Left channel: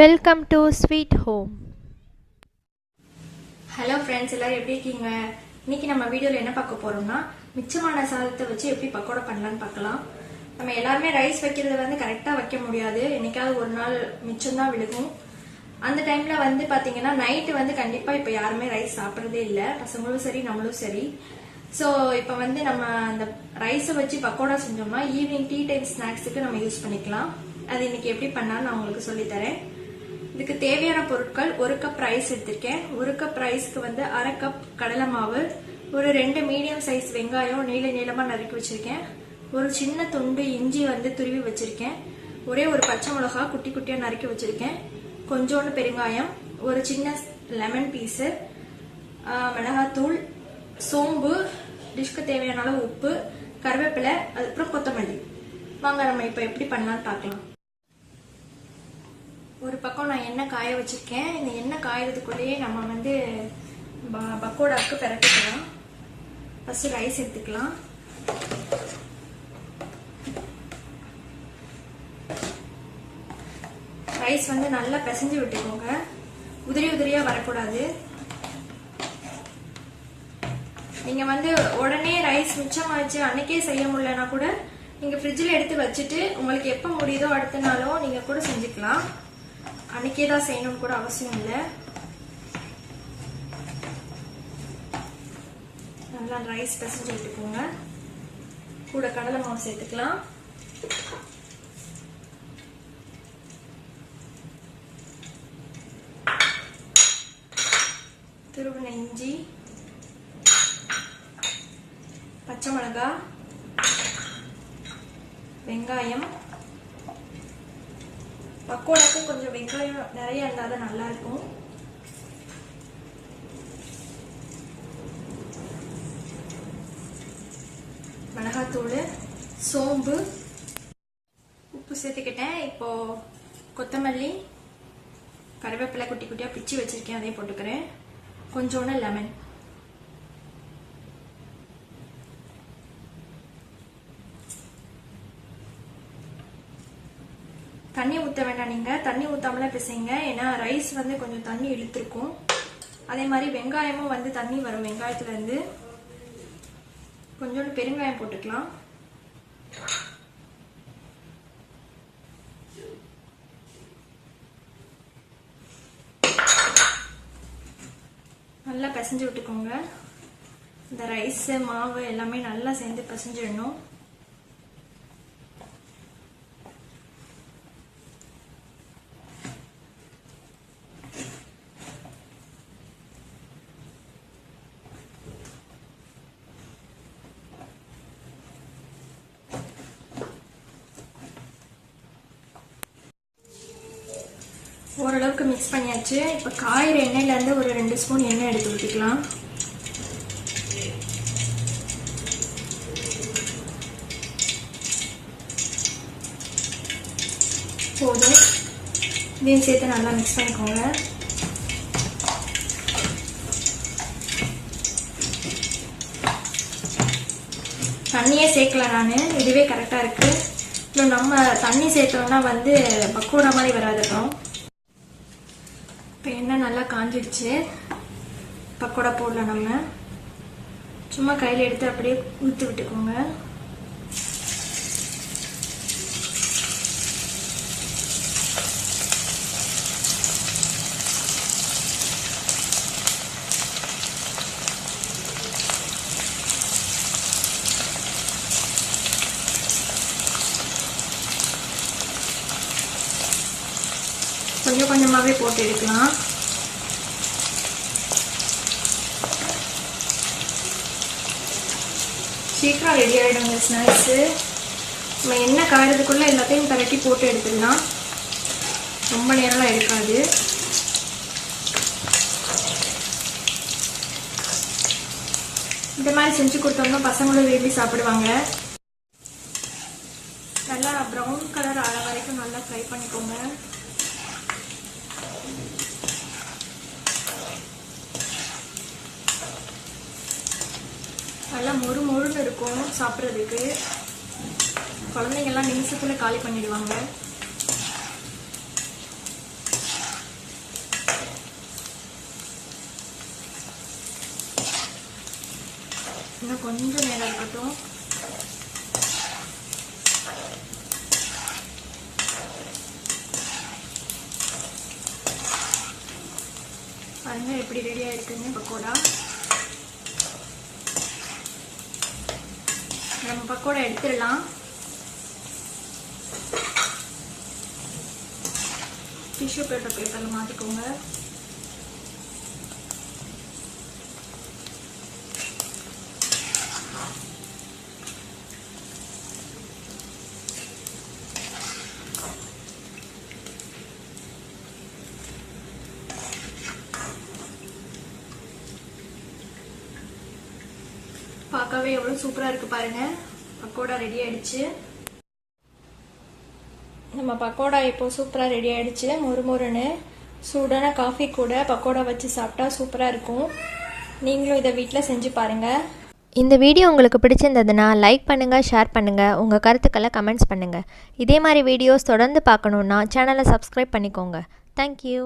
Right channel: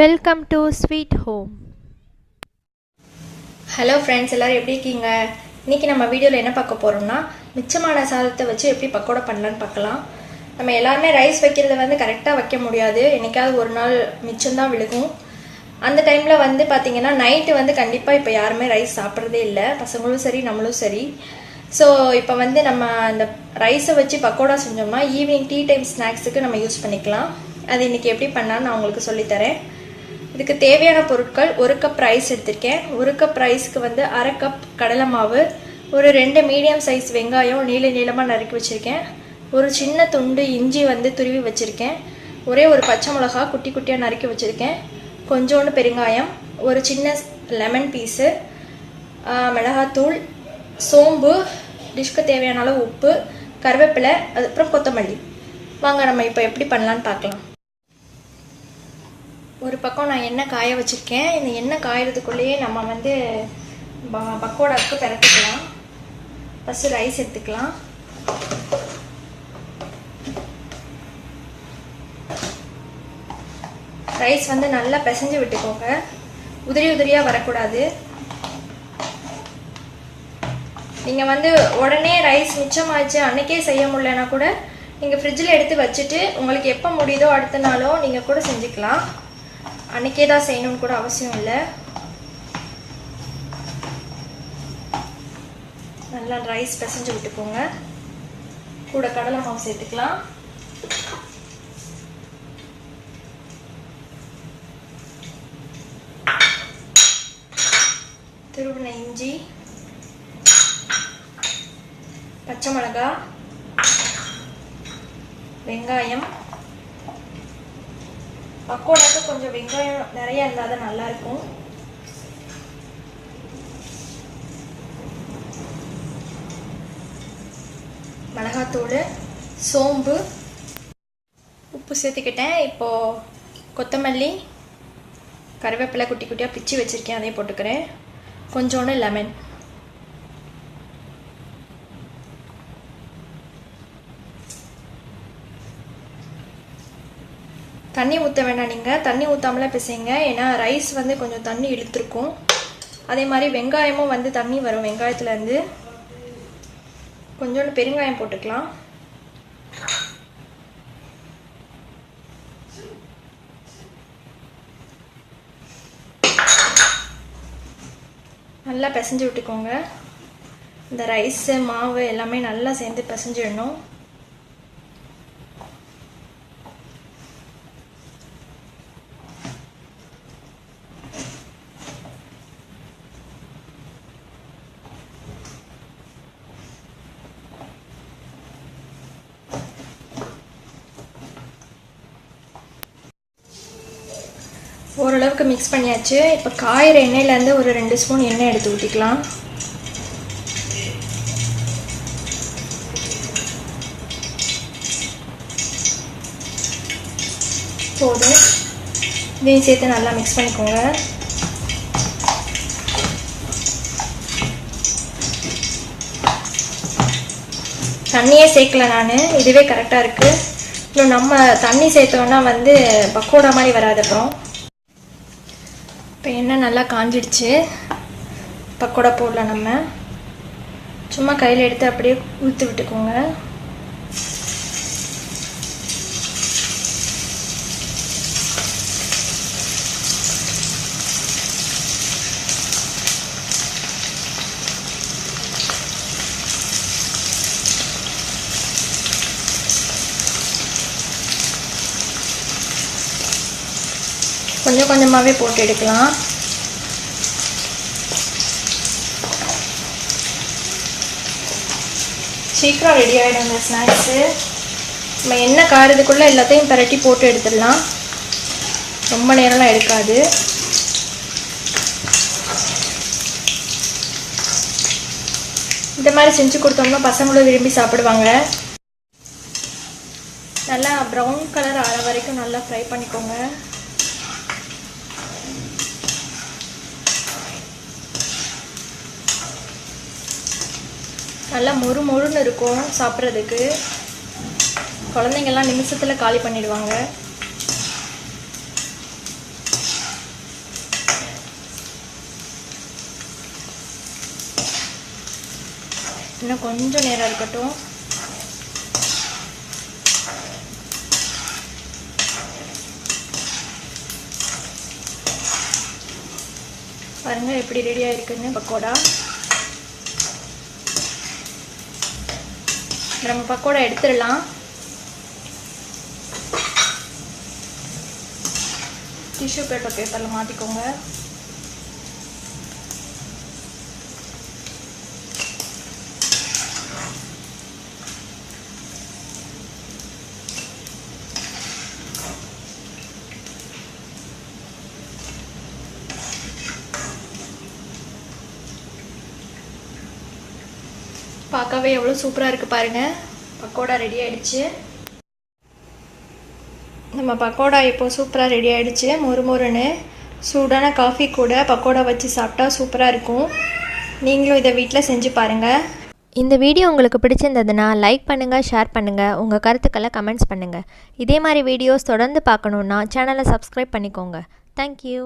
Welcome to sweet home. Hello friends, எல்லோரும் எப்படி இருக்கீங்க? இன்றைக்கி நம்ம வீடியோவில் என்ன பார்க்க போகிறோம்னா, மிச்சமான சாதத்தை வச்சு எப்படி பக்கோடா பண்ணலான்னு பார்க்கலாம். நம்ம எல்லாருமே ரைஸ் வைக்கிறத வந்து கரெக்டாக வைக்க முடியாது. என்றைக்காவது ஒரு நாள் மிச்சம்தான் விழுகும். அந்த டைமில் வந்து பார்த்திங்கன்னா நைட்டு வந்து கண்டிப்பாக இப்போ யாருமே ரைஸ் சாப்பிட்றதே இல்லை, பசங்களும் சரி நம்மளும் சரி. ஸோ இப்போ வந்து நம்ம அந்த ரைஸை வச்சு பக்கோடா செஞ்சோம்னா ஈவினிங் டீ டைம் ஸ்நாக்ஸுக்கு நம்ம யூஸ் பண்ணிக்கலாம். அது இன்றைக்கி எப்படி பண்ணான்னு நான் உங்களுக்கு சொல்லித்தரேன். இதுக்கு தேவையான பொருட்கள்: 1 கப் ரைஸ் எடுத்திருக்கேன். 1 கப் ரைஸ்க்கு வந்து 1/2 கப் கடலை மாவு, ஒரு 2 மீடியம் சைஸ் வெங்காயம் நீளமாக நறுக்கி வச்சுருக்கேன், ஒரு சின்ன துண்டு இஞ்சி வந்து துருவி வச்சுருக்கேன், ஒரே ஒரு பச்சை மிளகா குட்டி குட்டியாக நறுக்கி வச்சுருக்கேன், கொஞ்சோண்டு பெருங்காயம், ஒரு சின்ன லெமன் பீஸு, மிளகாத்தூள், சோம்பு, டிஷ்க்கு தேவையான அளவு உப்பு, கருவேப்பிலை, அதுக்கப்புறம் கொத்தமல்லி. வாங்க நம்ம இப்போ எப்படி பண்ணலான்னு பார்க்கலாம். ஒரு பக்கம் நான் எண்ணெய் காய வச்சுருக்கேன். இந்த எண்ணெய் காயறதுக்குள்ளேயே நம்ம வந்து பக்கோடாவுக்கு பரட்டிக்கலாம். ஃபஸ்ட்டு ரைஸ் எடுத்துக்கலாம். ரைஸ் வந்து நல்லா பிசைஞ்சு விட்டுக்கோங்க, உதிரியாக வரக்கூடாது. நீங்கள் வந்து உடனே ரைஸ் மிச்சமாச்சு அன்றைக்கே செய்ய முடியலன்னா கூட நீங்கள் ஃப்ரிட்ஜில் எடுத்து வச்சுட்டு உங்களுக்கு எப்போ முடியுதோ அடுத்த நாளோ நீங்கள் கூட செஞ்சுக்கலாம். அன்றைக்கே தான் செய்யணும்னு கூட அவசியம் இல்லை. நல்லா ரைஸ் பிசைஞ்சு விட்டுக்கோங்க. கூட கடலை மாவு சேர்த்துக்கலாம். துருவின இஞ்சி, பச்சை மிளகாய், வெங்காயம். பக்கோடாக்கு கொஞ்சம் வெங்காயம் நிறைய இருந்தால் தான் நல்லாயிருக்கும். மிளகாத்தூள், சோம்பு, உப்பு சேர்த்துக்கிட்டேன். இப்போது கொத்தமல்லி, கருவேப்பிலை குட்டி குட்டியாக பிச்சு வச்சுருக்கேன், அதையும் போட்டுக்கிறேன். கொஞ்சோண்டு லெமன். தண்ணி ஊற்ற வேண்டாம், நீங்கள் தண்ணி ஊற்றாமலே பிசைங்க, ஏன்னா ரைஸ் வந்து கொஞ்சம் தண்ணி இழுத்துருக்கும். அதே மாதிரி வெங்காயமும் வந்து தண்ணி வரும் வெங்காயத்துலேருந்து. கொஞ்சோண்டு பெருங்காயம் போட்டுக்கலாம். நல்லா பிசைஞ்சு விட்டுக்கோங்க. இந்த ரைஸு மாவு எல்லாமே நல்லா சேர்ந்து பிசைஞ்சிடணும். ஓரளவுக்கு மிக்ஸ் பண்ணியாச்சு. இப்போ காயிற எண்ணெயிலேருந்து ஒரு 2 ஸ்பூன் எண்ணெய் எடுத்து ஊற்றிக்கலாம். போதும். இதையும் சேர்த்து நல்லா மிக்ஸ் பண்ணிக்கோங்க. தண்ணியே சேர்க்கல நான், இதுவே கரெக்டாக இருக்குது. இன்னும் நம்ம தண்ணி சேர்த்தோன்னா வந்து பக்கோடா மாதிரி வராது. அப்புறம் இப்போ எண்ணெய் நல்லா காஞ்சிடுச்சு. பக்கோடா போடலாம். நம்ம சும்மா கையில் எடுத்து அப்படியே ஊற்றி விட்டுக்கோங்க. கொஞ்சம் கொஞ்சமாகவே போட்டு எடுக்கலாம். சீக்கிரம் ரெடி ஆகிடும் இந்த ஸ்நாக்ஸு. நம்ம எண்ணெய் காரதுக்குள்ளே எல்லாத்தையும் பரட்டி போட்டு எடுத்துடலாம். ரொம்ப நேரம்லாம் எடுக்காது. இந்த மாதிரி செஞ்சு கொடுத்தோம்னா பசங்களும் விரும்பி சாப்பிடுவாங்க. நல்லா ப்ரௌன் கலர் ஆற வரைக்கும் நல்லா ஃப்ரை பண்ணிக்கோங்க. நல்லா மொறு மொறுன்னு இருக்கும் சாப்பிட்றதுக்கு. குழந்தைங்கள்லாம் நிமிஷத்தில் காலி பண்ணிடுவாங்க. இன்னும் கொஞ்சம் நேரம் இருக்கட்டும். பாருங்க எப்படி ரெடியாக இருக்குன்னு பக்கோடா. நம்ம பக்கோடா எடுத்துடலாம். டிஷ்யூ பேப்பரில் மாற்றிக்கோங்க. பார்க்கவே எவ்வளோ சூப்பராக இருக்குது பாருங்கள். பக்கோடா ரெடி ஆகிடுச்சு. நம்ம பக்கோடா இப்போது சூப்பராக ரெடி ஆகிடுச்சு. மொறு மொறுன்னு சூடான காஃபி கூட பக்கோடா வச்சு சாப்பிட்டா சூப்பராக இருக்கும். நீங்களும் இதை வீட்டில் செஞ்சு பாருங்கள். இந்த வீடியோ உங்களுக்கு பிடிச்சிருந்ததுன்னா லைக் பண்ணுங்கள், ஷேர் பண்ணுங்கள், உங்கள் கருத்துக்களை கமெண்ட்ஸ் பண்ணுங்கள். இதே மாதிரி வீடியோஸ் தொடர்ந்து பார்க்கணுன்னா சேனலை சப்ஸ்கிரைப் பண்ணிக்கோங்க. தேங்க்யூ.